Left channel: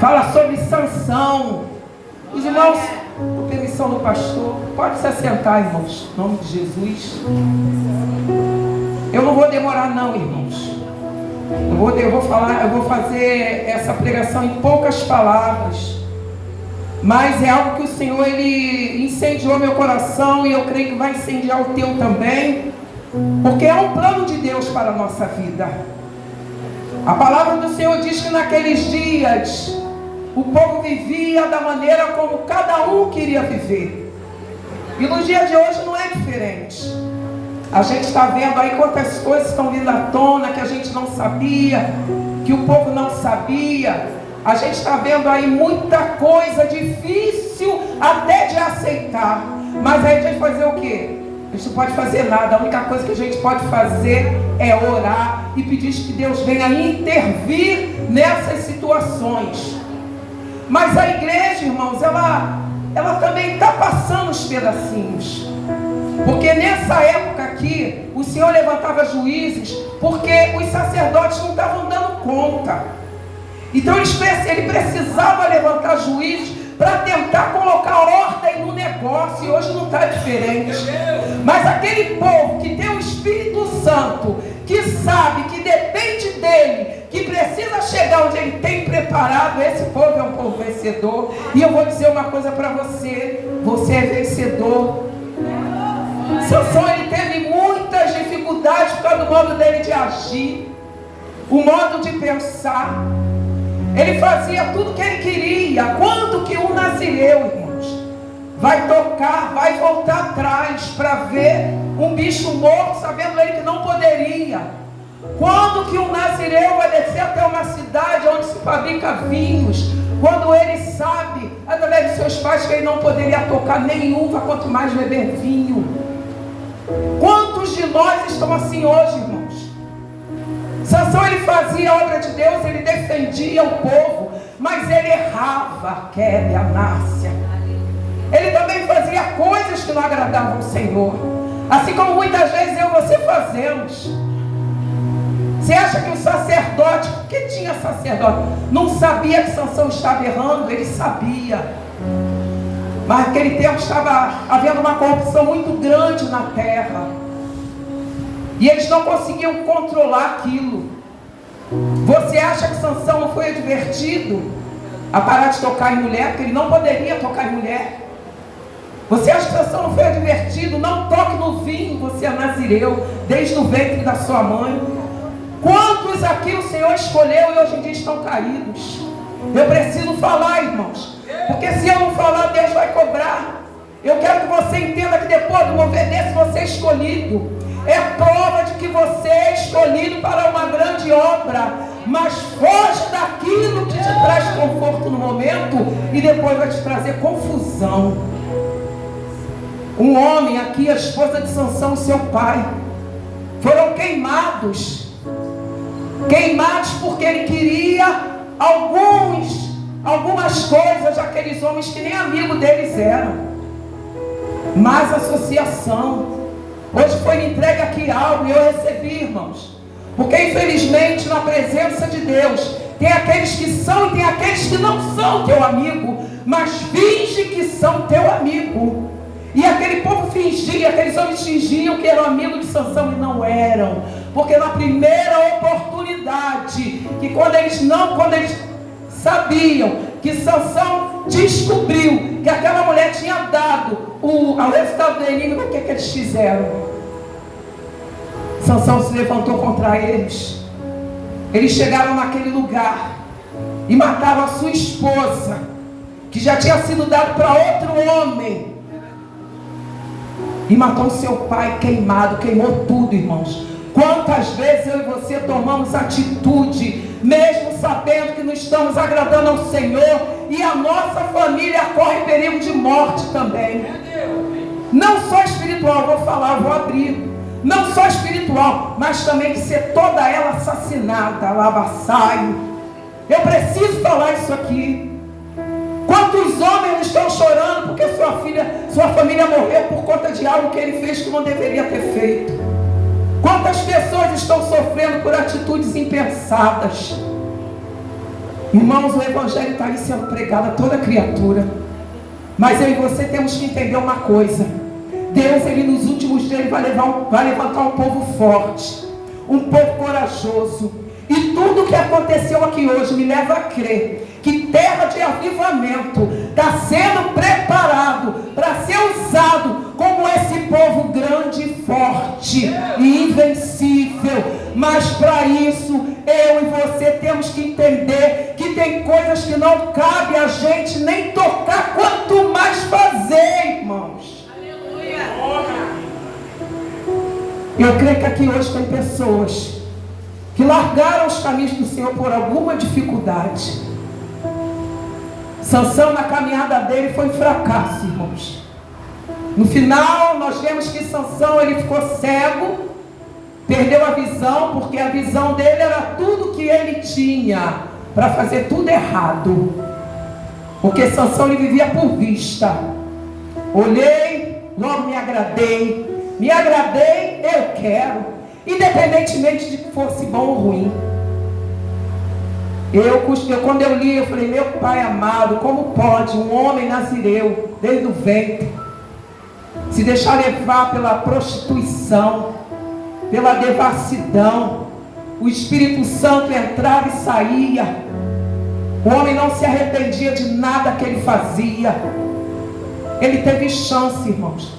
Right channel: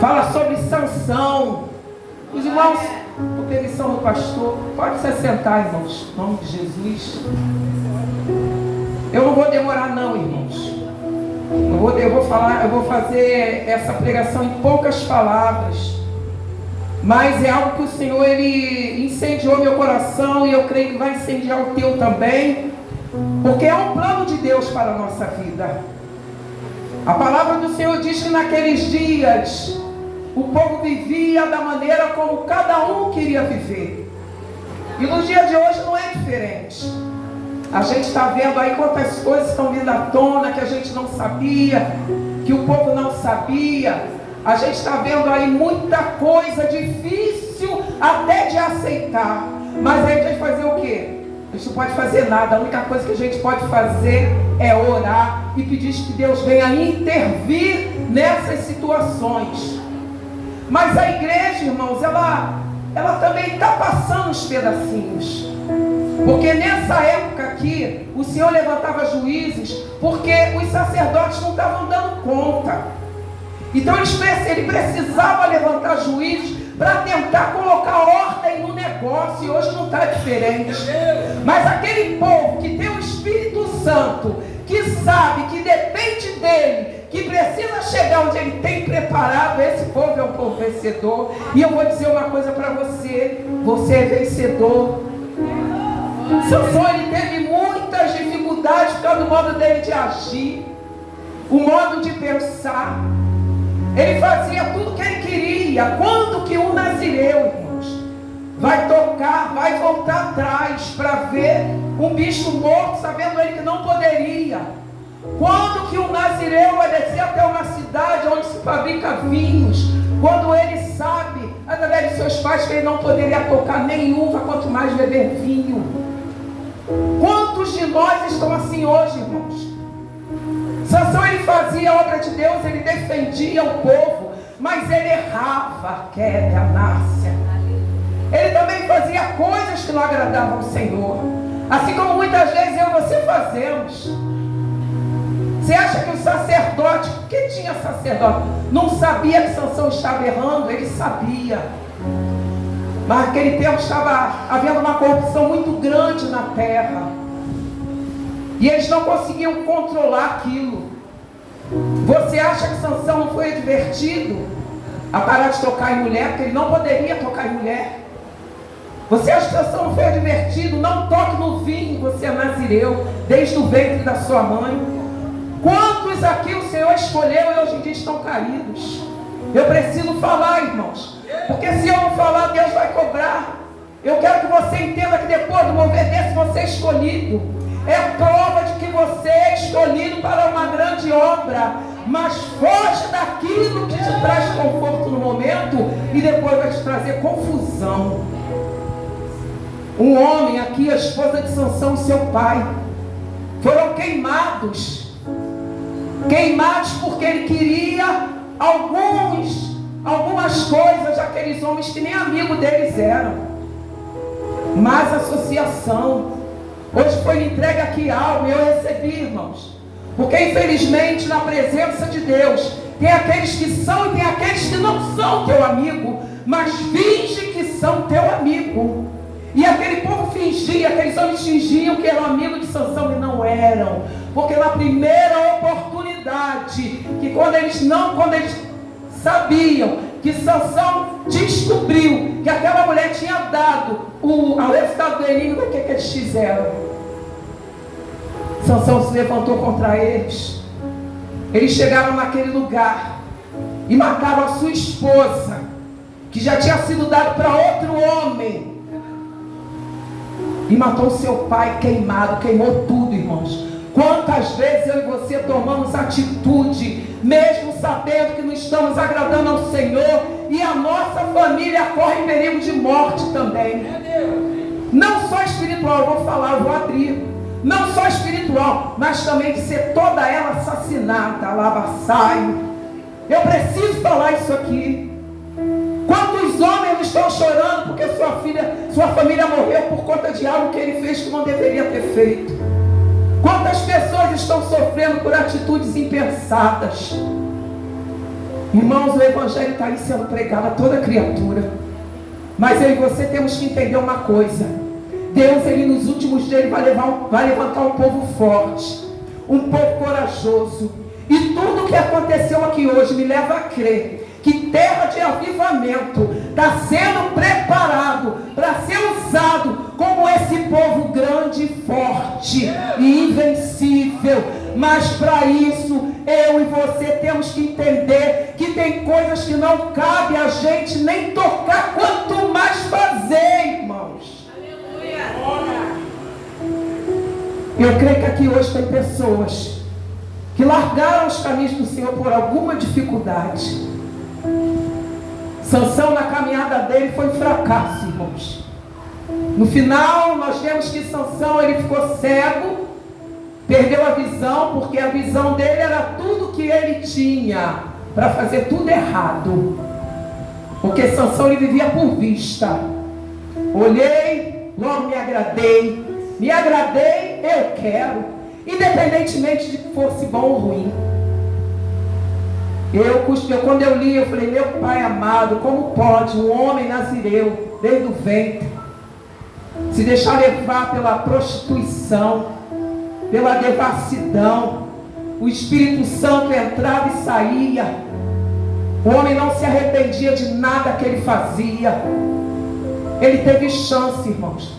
Fala sobre Sansão. Os irmãos, com permissão do pastor, pode se assentar, irmãos, em nome de Jesus. Eu não vou demorar não, irmãos. Eu vou fazer essa pregação em poucas palavras. Mas é algo que o Senhor, Ele incendiou meu coração, e eu creio que vai incendiar o teu também, porque é um plano de Deus para a nossa vida. A palavra do Senhor diz que naqueles dias o povo vivia da maneira como cada um queria viver. E no dia de hoje não é diferente. A gente está vendo aí quantas coisas estão vindo à tona que a gente não sabia, que o povo não sabia. A gente está vendo aí muita coisa difícil até de aceitar. Mas aí a gente vai fazer o quê? A gente não pode fazer nada. A única coisa que a gente pode fazer é orar e pedir que Deus venha intervir nessas situações. Mas a igreja, irmãos, ela também está passando os pedacinhos. Porque nessa época aqui, o Senhor levantava juízes, porque os sacerdotes não estavam dando conta. Então ele precisava levantar juízes para tentar colocar ordem no negócio. E hoje não está diferente. Mas aquele povo que tem o Espírito Santo, que sabe, que depende dele, que precisa chegar onde ele tem preparado, esse povo é um povo vencedor. E eu vou dizer uma coisa para você: você é vencedor. Sansão, ele teve muitas dificuldades por causa do modo dele de agir, o modo de pensar. Ele fazia tudo que ele queria. Quando que um nazireu, irmãos, vai tocar, vai voltar atrás para ver um bicho morto, sabendo ele que não poderia? Quando que um nazireu vai descer até uma cidade onde se fabrica vinhos, quando ele sabe, através de seus pais, que ele não poderia tocar nem uva, quanto mais beber vinho? Quantos de nós estão assim hoje, irmãos? Sansão, ele fazia a obra de Deus, ele defendia o povo, mas ele errava, quebra, Nácia. Ele também fazia coisas que não agradavam o Senhor, assim como muitas vezes eu e você fazemos. Você acha que o sacerdote, que tinha sacerdote, não sabia que Sansão estava errando? Ele sabia. Mas naquele tempo estava havendo uma corrupção muito grande na terra, e eles não conseguiam controlar aquilo. Você acha que Sansão não foi advertido a parar de tocar em mulher, porque ele não poderia tocar em mulher? Você acha que Sansão não foi advertido? Não toque no vinho, você é nazireu, desde o ventre da sua mãe. Quantos aqui o Senhor escolheu e hoje em dia estão caídos? Eu preciso falar, irmãos, porque se eu não falar, Deus vai cobrar. Eu quero que você entenda que depois do mover desse, você é escolhido. É prova de que você é escolhido para uma grande obra. Mas foge daquilo que te traz conforto no momento e depois vai te trazer confusão. Um homem aqui, a esposa de Sansão, seu pai, foram queimados porque ele queria algumas coisas daqueles homens que nem amigo deles eram. Mas associação. Hoje foi me entregue aqui algo e eu recebi, irmãos. Porque infelizmente na presença de Deus tem aqueles que são e tem aqueles que não são teu amigo, mas fingem que são teu amigo. E aquele povo fingia, aqueles homens fingiam que eram amigos de Sansão e não eram. Porque na primeira oportunidade, que quando eles sabiam que Sansão descobriu que aquela mulher tinha dado ao resultado do inimigo, o que eles fizeram? Sansão se levantou contra eles. Eles chegaram naquele lugar e mataram a sua esposa, que já tinha sido dado para outro homem, e matou o seu pai queimado, queimou tudo, irmãos. Quantas vezes eu e você tomamos atitude, mesmo sabendo que não estamos agradando ao Senhor, e a nossa família corre perigo de morte também. Não só espiritual, eu vou falar, eu vou abrir. Não só espiritual, mas também de ser toda ela assassinada, lava-saio. Eu preciso falar isso aqui. Quantos homens estão chorando porque sua família morreu por conta de algo que ele fez que não deveria ter feito? Quantas pessoas estão sofrendo por atitudes impensadas? Irmãos, o Evangelho está aí sendo pregado a toda criatura. Mas eu e você temos que entender uma coisa. Deus, Ele nos últimos dias, Ele vai levantar um povo forte, um povo corajoso. E tudo que aconteceu aqui hoje me leva a crer que terra de avivamento está sendo preparado para ser usado como esse povo grande e forte e invencível. Mas para isso, eu e você temos que entender que tem coisas que não cabe a gente nem tocar, quanto mais fazer, irmãos. Eu creio que aqui hoje tem pessoas que largaram os caminhos do Senhor por alguma dificuldade. Sansão, na caminhada dele, foi um fracasso, irmãos. No final, nós vemos que Sansão, ele ficou cego, perdeu a visão, porque a visão dele era tudo que ele tinha para fazer tudo errado. Porque Sansão, ele vivia por vista. Olhei, logo me agradei, eu quero, independentemente de que fosse bom ou ruim. Quando eu li, eu falei, meu Pai amado, como pode um homem nazireu, desde o ventre, se deixar levar pela prostituição, pela devassidão? O Espírito Santo entrava e saía. O homem não se arrependia de nada que ele fazia. Ele teve chance, irmãos,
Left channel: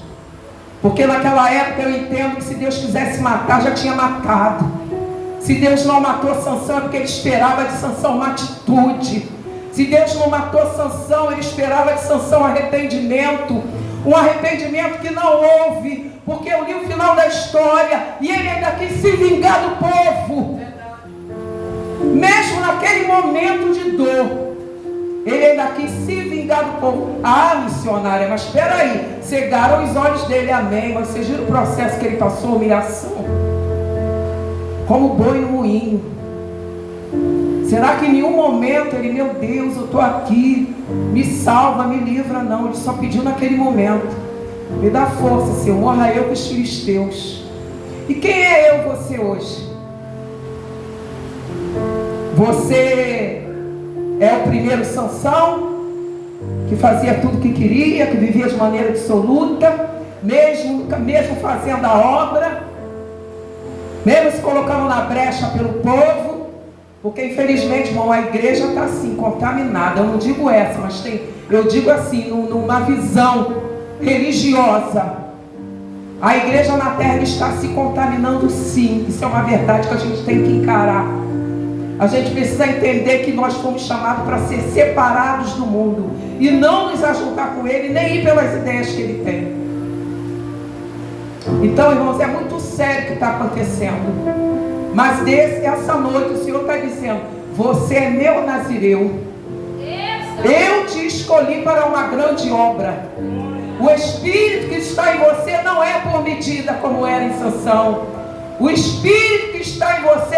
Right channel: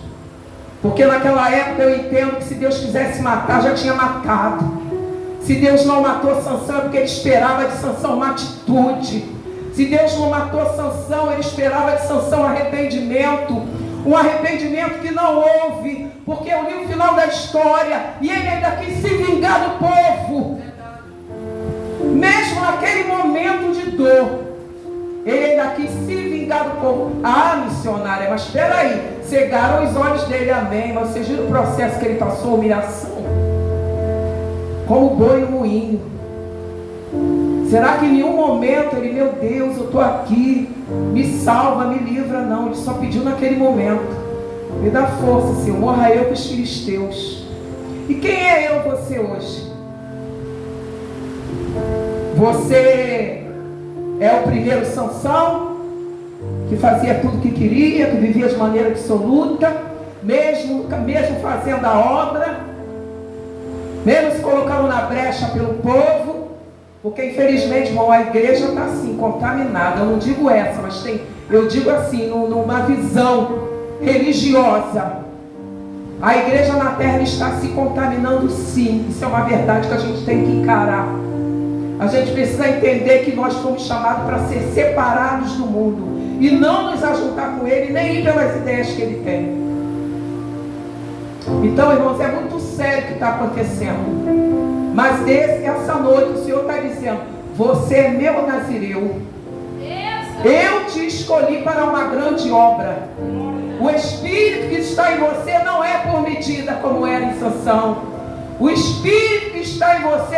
porque naquela época eu entendo que se Deus quisesse matar, já tinha matado. Se Deus não matou Sansão, é porque ele esperava de Sansão uma atitude. Se Deus não matou Sansão, ele esperava de Sansão arrependimento. Um arrependimento que não houve, porque eu li o final da história e ele ainda quis se vingar do povo. Mesmo naquele momento de dor, ele ainda quis se vingar do povo. Ah, missionária, mas espera aí, cegaram os olhos dele, amém. Mas você viu o processo que ele passou, humilhação? Como boi no moinho. Será que em nenhum momento ele, meu Deus, eu estou aqui, me salva, me livra? Não, ele só pediu naquele momento, me dá força, Senhor, morra eu com os filisteus. E quem é eu e você hoje? Você é o primeiro Sansão, que fazia tudo o que queria, que vivia de maneira absoluta, mesmo fazendo a obra, mesmo se colocando na brecha pelo povo. Porque infelizmente, irmão, a igreja está assim, contaminada. Eu não digo essa, mas eu digo assim, numa visão religiosa. A igreja na terra está se contaminando, sim. Isso é uma verdade que a gente tem que encarar. A gente precisa entender que nós fomos chamados para ser separados do mundo e não nos ajuntar com ele, nem ir pelas ideias que ele tem. Então, irmãos, é muito sério o que está acontecendo. Mas essa noite o Senhor está dizendo, você é meu nazireu. Eu te escolhi para uma grande obra. O Espírito que está em você não é por medida como era em Sansão. O Espírito que está em você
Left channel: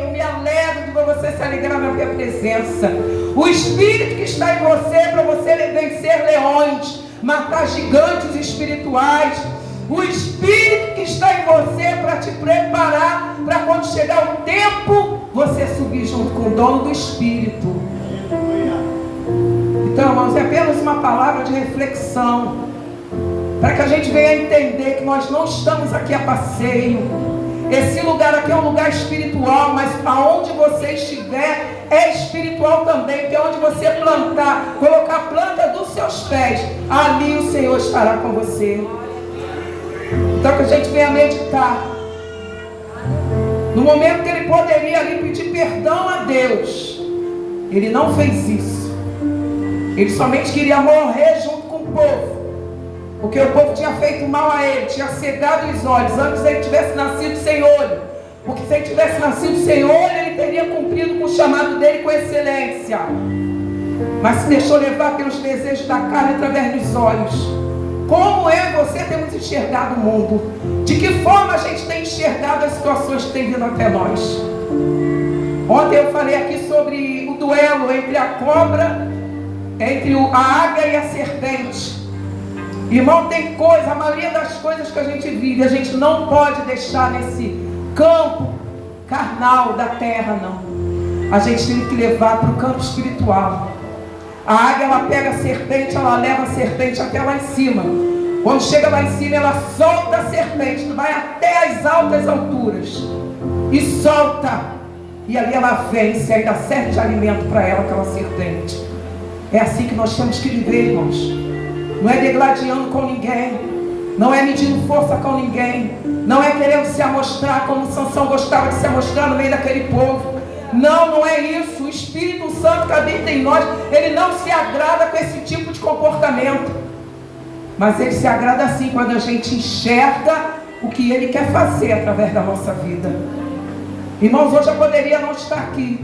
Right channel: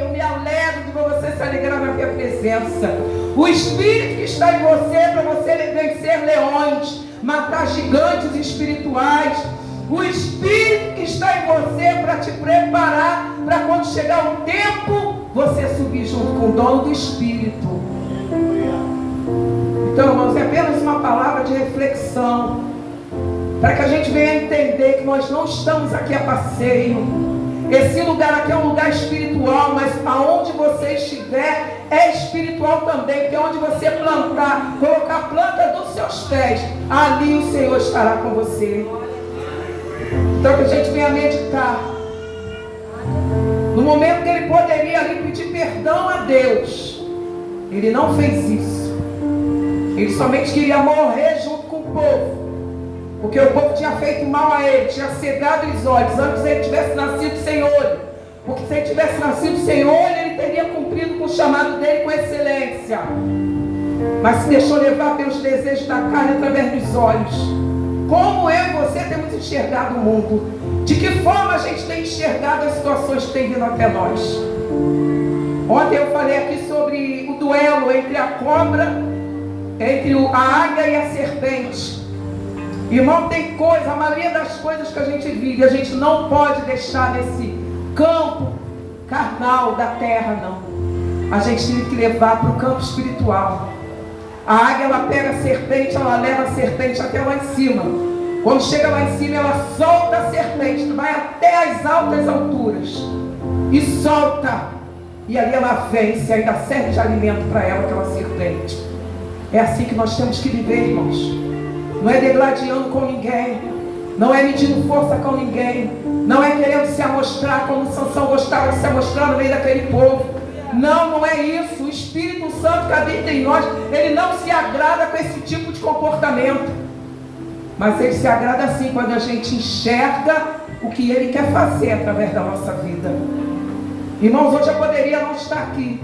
eu me alegro de você se alegrar na minha presença. O Espírito que está em você é para você vencer leões, matar gigantes espirituais. O Espírito que está em você é para te preparar para quando chegar o tempo, você subir junto com o dono do Espírito. Então, irmãos, é apenas uma palavra de reflexão, para que a gente venha entender que nós não estamos aqui a passeio. Esse lugar aqui é um lugar espiritual, mas aonde você estiver é espiritual também, porque onde você plantar, colocar a planta dos seus pés, ali o Senhor estará com você. Então que a gente venha meditar. No momento que ele poderia ali pedir perdão a Deus, ele não fez isso. Ele somente queria morrer junto com o povo, porque o povo tinha feito mal a ele, tinha cegado os olhos. Antes ele tivesse nascido sem olho, porque se ele tivesse nascido sem olho, ele teria cumprido com o chamado dele com excelência. Mas se deixou levar pelos desejos da carne através dos olhos. Como eu e você temos enxergado o mundo? De que forma a gente tem enxergado as situações que têm vindo até nós? Ontem eu falei aqui sobre o duelo entre a cobra, entre a águia e a serpente. Irmão, tem coisa, a maioria das coisas que a gente vive, a gente não pode deixar nesse campo carnal da terra, não. a gente tem que levar para o campo espiritual. A águia, ela pega a serpente, ela leva a serpente até lá em cima. Quando chega lá em cima, ela solta a serpente, vai até as altas alturas e solta. E ali ela vence, ainda serve de alimento para ela, aquela serpente. É assim que nós temos que viver, irmãos. Não é degladiando com ninguém, não é medindo força com ninguém, não é querendo se amostrar como Sansão gostava de se amostrar no meio daquele povo. Não, não é isso. O Espírito Santo que habita em nós, ele não se agrada com esse tipo de comportamento. Mas ele se agrada assim quando a gente enxerga o que ele quer fazer através da nossa vida. Irmãos, hoje eu poderia não estar aqui,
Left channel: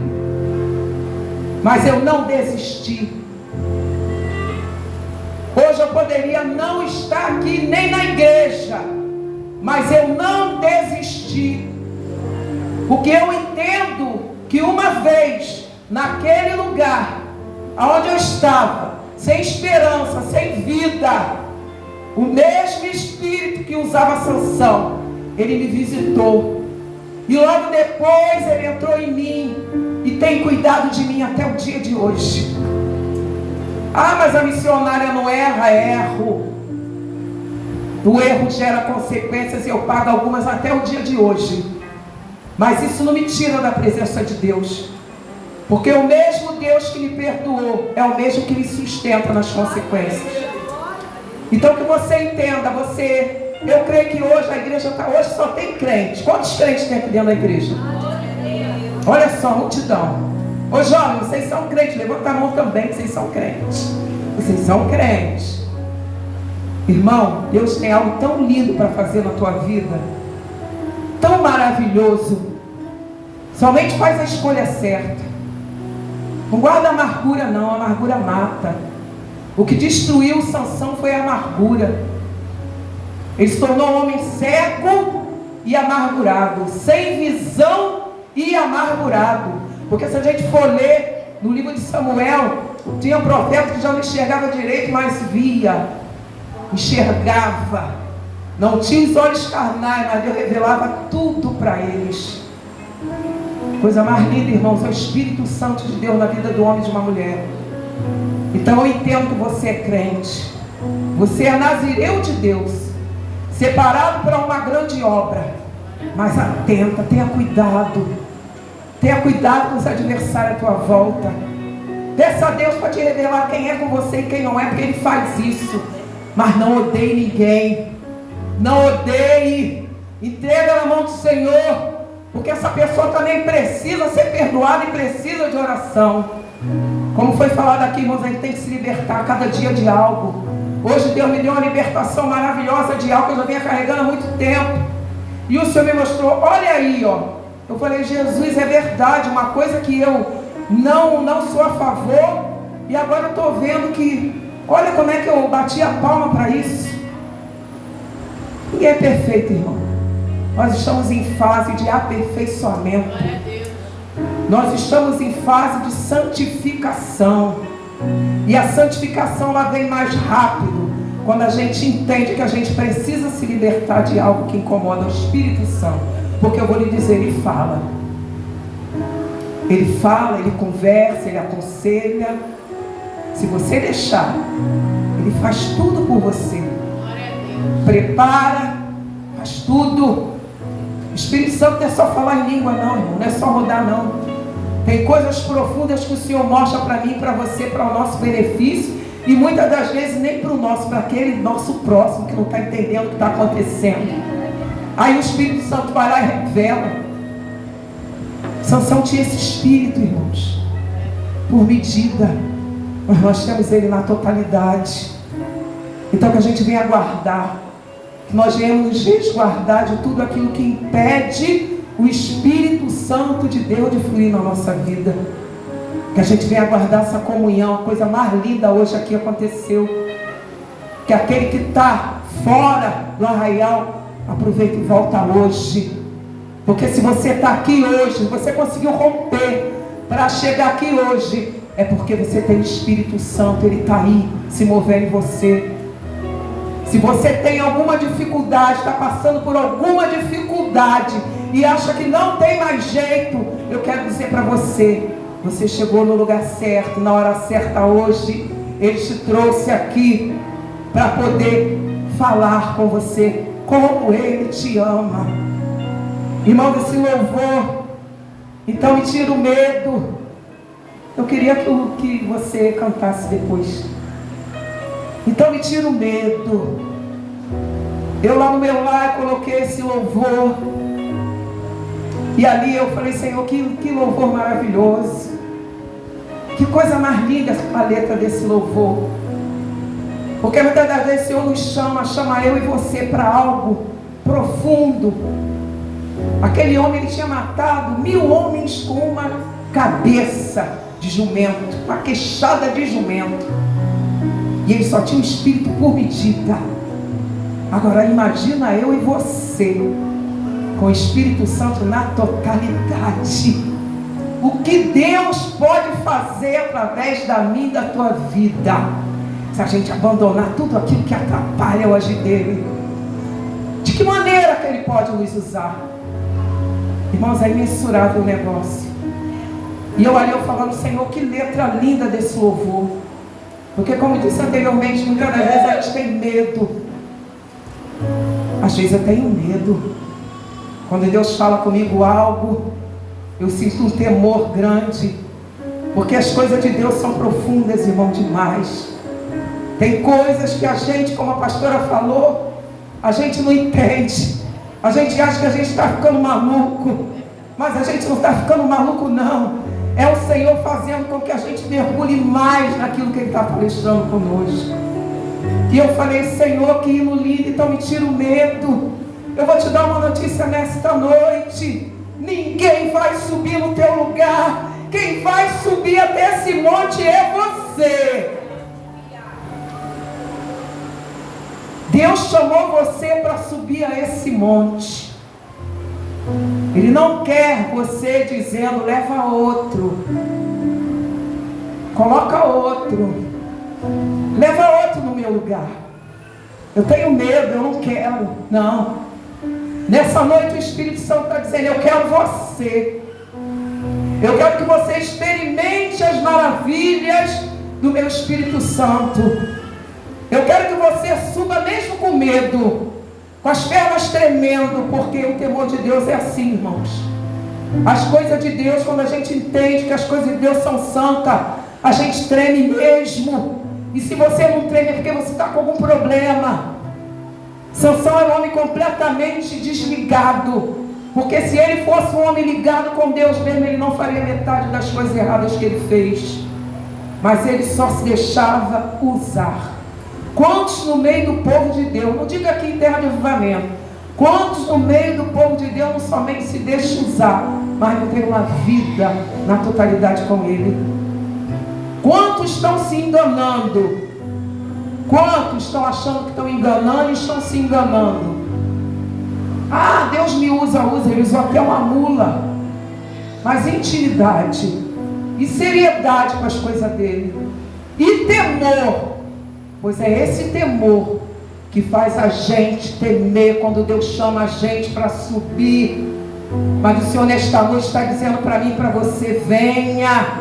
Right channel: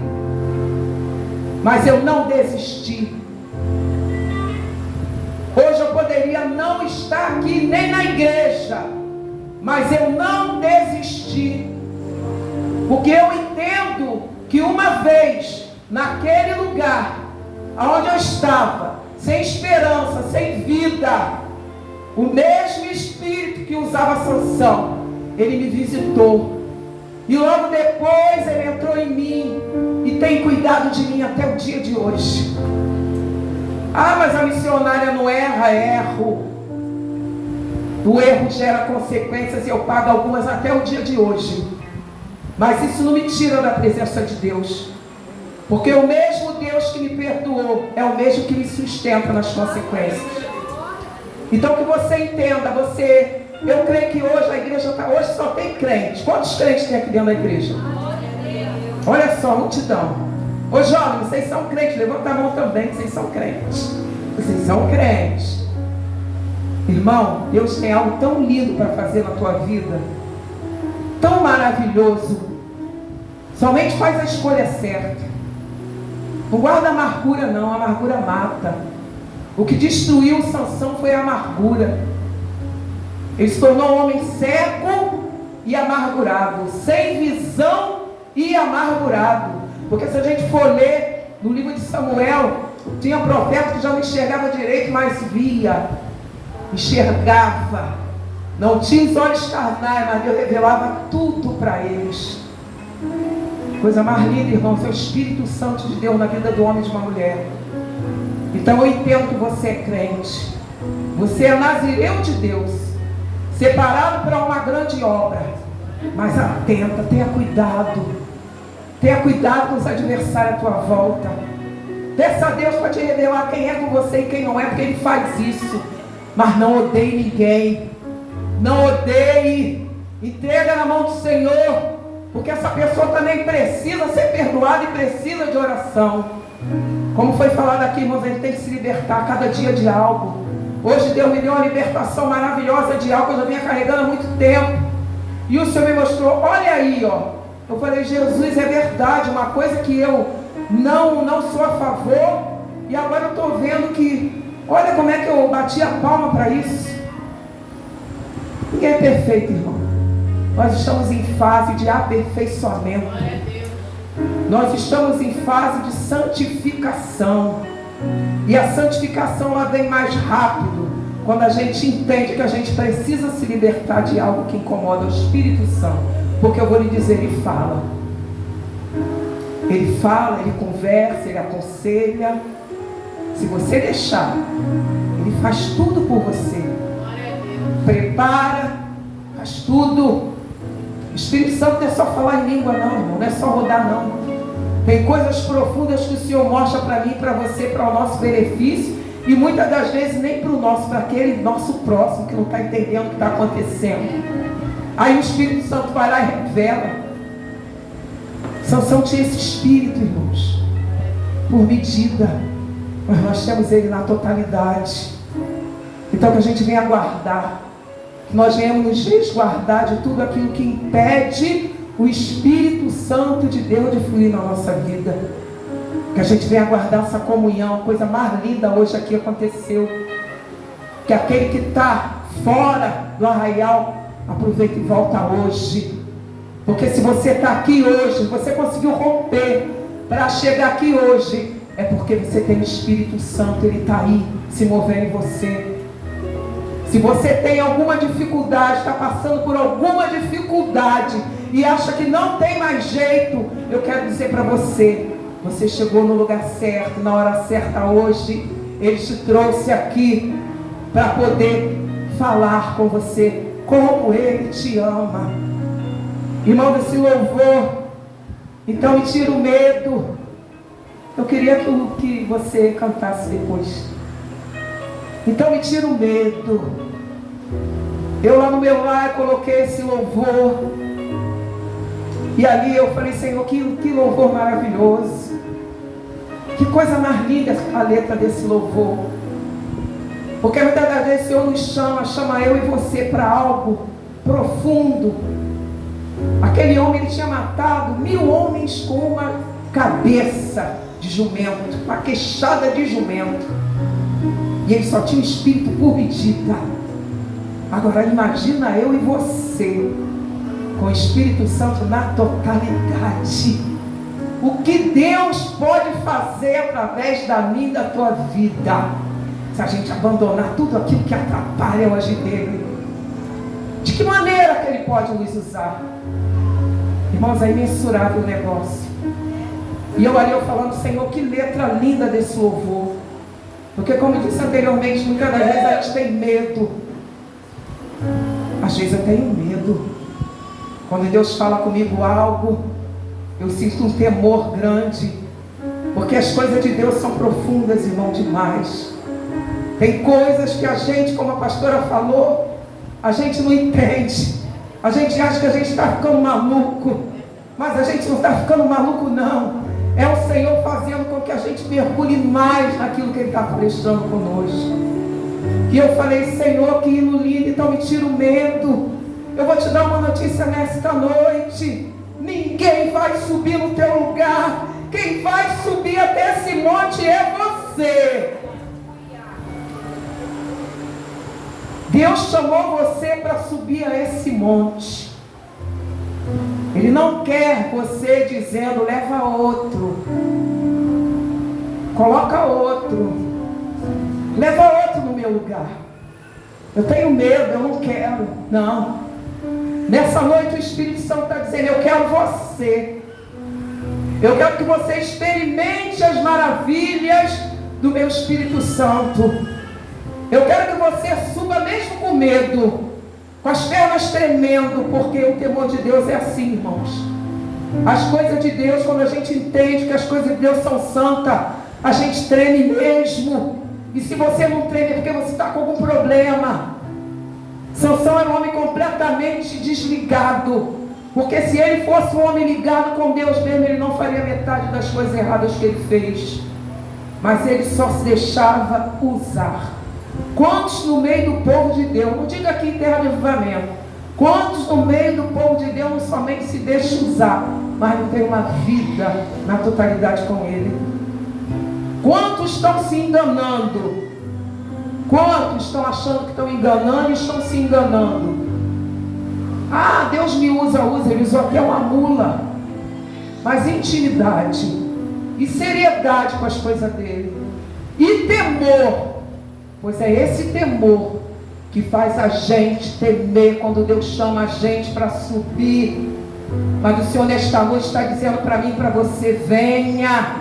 mas eu não desisti. Hoje eu poderia não estar aqui nem na igreja, mas eu não desisti. Porque eu entendo que uma vez, naquele lugar onde eu estava, sem esperança, sem vida, o mesmo Espírito que usava Sansão, ele me visitou. E logo depois ele entrou em mim e tem cuidado de mim até o dia de hoje. Ah, mas a missionária não erra. Erro. O erro gera consequências e eu pago algumas até o dia de hoje. Mas isso não me tira da presença de Deus. Porque o mesmo Deus que me perdoou é o mesmo que me sustenta nas consequências. Então que você entenda, eu creio que hoje a igreja hoje só tem crentes. Quantos crentes tem aqui dentro da igreja? Olha só, multidão. Ô jovens, vocês são crentes, levanta a mão também, que vocês são crentes. Vocês são crentes. Irmão, Deus tem algo tão lindo para fazer na tua vida, tão maravilhoso. Somente faz a escolha certa. Não guarda amargura não, a amargura mata. O que destruiu Sansão foi a amargura. Ele se tornou um homem cego e amargurado, sem visão e amargurado. Porque se a gente for ler no livro de Samuel, tinha profeta que já não enxergava direito, mas via, enxergava. Não tinha os olhos carnais, mas Deus revelava tudo para eles. Coisa mais linda, irmãos, é o Espírito Santo de Deus na vida do homem e de uma mulher. Então eu entendo que você é crente. Você é nazireu de Deus, separado para uma grande obra. Mas atenta, tenha cuidado. Tenha cuidado com os adversários à tua volta. Peça a Deus para te revelar quem é com você e quem não é, porque Ele faz isso. Mas não odeie ninguém. Não odeie. Entrega na mão do Senhor, porque essa pessoa também precisa ser perdoada e precisa de oração. Como foi falado aqui, irmãos, a gente tem que se libertar cada dia de algo. Hoje Deus me deu uma libertação maravilhosa de algo que eu já vinha carregando há muito tempo. E o Senhor me mostrou, olha aí, ó. Eu falei, Jesus, é verdade, uma coisa que eu não sou a favor, e agora eu estou vendo que, olha como é que eu bati a palma para isso. Ninguém é perfeito, irmão. Nós estamos em fase de aperfeiçoamento. Nós estamos em fase de santificação. E a santificação ela vem mais rápido quando a gente entende que a gente precisa se libertar de algo que incomoda o Espírito Santo. Porque eu vou lhe dizer, ele fala, ele conversa, ele aconselha. Se você deixar, ele faz tudo por você. Prepara, faz tudo. O Espírito Santo não é só falar em língua não, irmão, não é só rodar não. Tem coisas profundas que o Senhor mostra para mim, para você, para o nosso benefício. E muitas das vezes nem para o nosso, para aquele nosso próximo que não está entendendo o que está acontecendo. Aí o Espírito Santo vai lá e revela. Sansão tinha esse espírito, irmãos, por medida, mas nós temos ele na totalidade. Então que a gente venha guardar, que nós venhamos nos resguardar de tudo aquilo que impede o Espírito Santo de Deus de fluir na nossa vida. Que a gente venha guardar essa comunhão. A coisa mais linda hoje aqui aconteceu, que aquele que está fora do arraial, aproveita e volta hoje. Porque se você está aqui hoje, você conseguiu romper para chegar aqui hoje, é porque você tem o Espírito Santo, ele está aí se movendo em você. Se você tem alguma dificuldade, está passando por alguma dificuldade e acha que não tem mais jeito, eu quero dizer para você, Você chegou no lugar certo, na hora certa hoje. Ele te trouxe aqui para poder falar com você como Ele te ama. Irmão, esse louvor, então me tira o medo. Eu queria que você cantasse depois. Então me tira o medo. Eu lá no meu lar coloquei esse louvor. E ali eu falei, Senhor, que louvor maravilhoso. Que coisa mais linda a letra desse louvor. Porque muitas das vezes o Senhor nos chama eu e você para algo profundo. Aquele homem, ele tinha matado 1000 homens com uma cabeça de jumento, uma queixada de jumento. E ele só tinha um espírito por medida. Agora imagina eu e você, com o Espírito Santo na totalidade. O que Deus pode fazer através da minha e da tua vida, se a gente abandonar tudo aquilo que atrapalha o agir dele. De que maneira que Ele pode nos usar? Irmãos, é imensurável o negócio. E eu ali falando, Senhor, que letra linda desse louvor. Porque como eu disse anteriormente, muitas das vezes a gente tem medo. Às vezes eu tenho medo. Quando Deus fala comigo algo, eu sinto um temor grande. Porque as coisas de Deus são profundas, irmão, demais. Tem coisas que a gente, como a pastora falou, a gente não entende. A gente acha que a gente está ficando maluco. Mas a gente não está ficando maluco, não. É o Senhor fazendo com que a gente mergulhe mais naquilo que Ele está prestando conosco. E eu falei, Senhor, que hino lindo, então me tira o medo. Eu vou te dar uma notícia nesta noite. Ninguém vai subir no teu lugar. Quem vai subir até esse monte é você. Deus chamou você para subir a esse monte. Ele não quer você dizendo, leva outro, coloca outro, leva outro no meu lugar. Eu tenho medo, eu não quero. Não. Nessa noite o Espírito Santo está dizendo, eu quero você. Eu quero que você experimente as maravilhas do meu Espírito Santo. Eu quero que você suba mesmo com medo, com as pernas tremendo, porque o temor de Deus é assim, irmãos. As coisas de Deus, quando a gente entende que as coisas de Deus são santas, a gente treme mesmo. E se você não treme é porque você está com algum problema. Sansão era um homem completamente desligado. Porque se ele fosse um homem ligado com Deus mesmo, ele não faria metade das coisas erradas que ele fez. Mas ele só se deixava usar. Quantos no meio do povo de Deus, não diga aqui em terra de avivamento, quantos no meio do povo de Deus não somente se deixam usar, mas não tem uma vida na totalidade com Ele? Quantos estão se enganando? Quantos estão achando que estão enganando e estão se enganando? Ah, Deus me usa, Ele usou até uma mula. Mas intimidade e seriedade com as coisas dele e temor. Pois é esse temor que faz a gente temer quando Deus chama a gente para subir. Mas o Senhor nesta noite está dizendo para mim e para você, venha,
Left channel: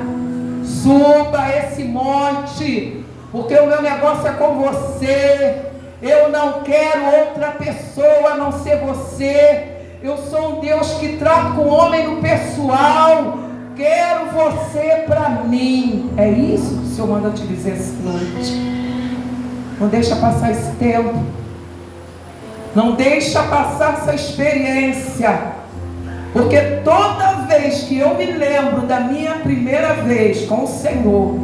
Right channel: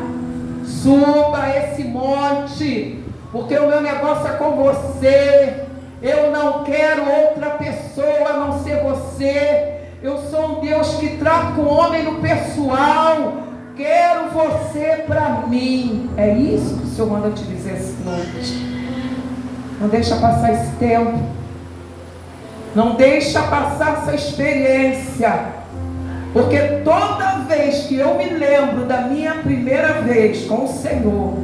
suba esse monte, porque o meu negócio é com você. Eu não quero outra pessoa a não ser você. Eu sou um Deus que trata com o homem no pessoal. Quero você para mim. É isso que o Senhor manda te dizer essa noite. Não deixa passar esse tempo. Não deixa passar essa experiência. Porque toda vez que eu me lembro da minha primeira vez com o Senhor,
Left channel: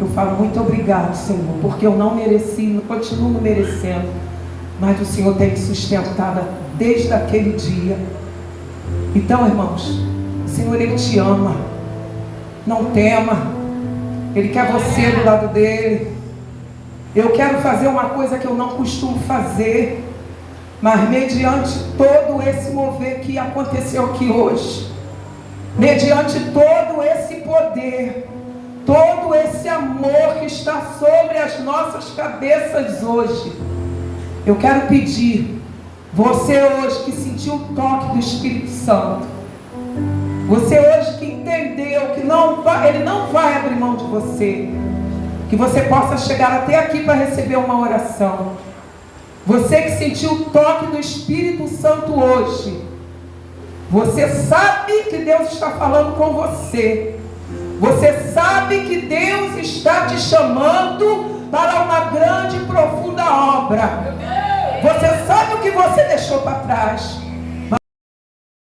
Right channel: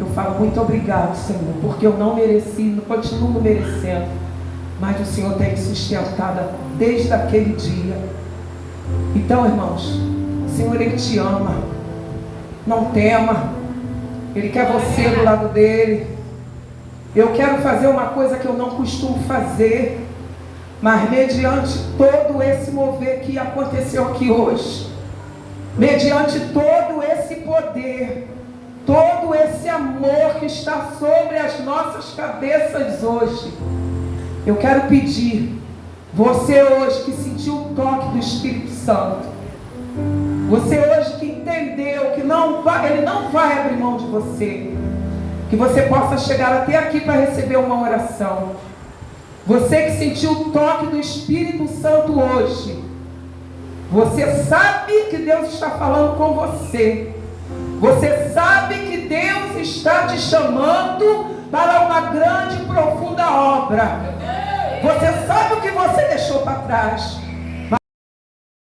eu falo, muito obrigado, Senhor, porque eu não mereci, não continuo merecendo, mas o Senhor tem me sustentado desde aquele dia. Então, irmãos, o Senhor, Ele te ama. Não tema. Ele quer você do lado dele. Eu quero fazer uma coisa que eu não costumo fazer, mas mediante todo esse mover que aconteceu aqui hoje, mediante todo esse poder, todo esse amor que está sobre as nossas cabeças hoje, eu quero pedir, você hoje que sentiu o toque do Espírito Santo, Você hoje que entendeu que Ele não vai abrir mão de você, que você possa chegar até aqui para receber uma oração. Você que sentiu o toque do Espírito Santo hoje, você sabe que Deus está falando com você. Você sabe que Deus está te chamando para uma grande e profunda obra.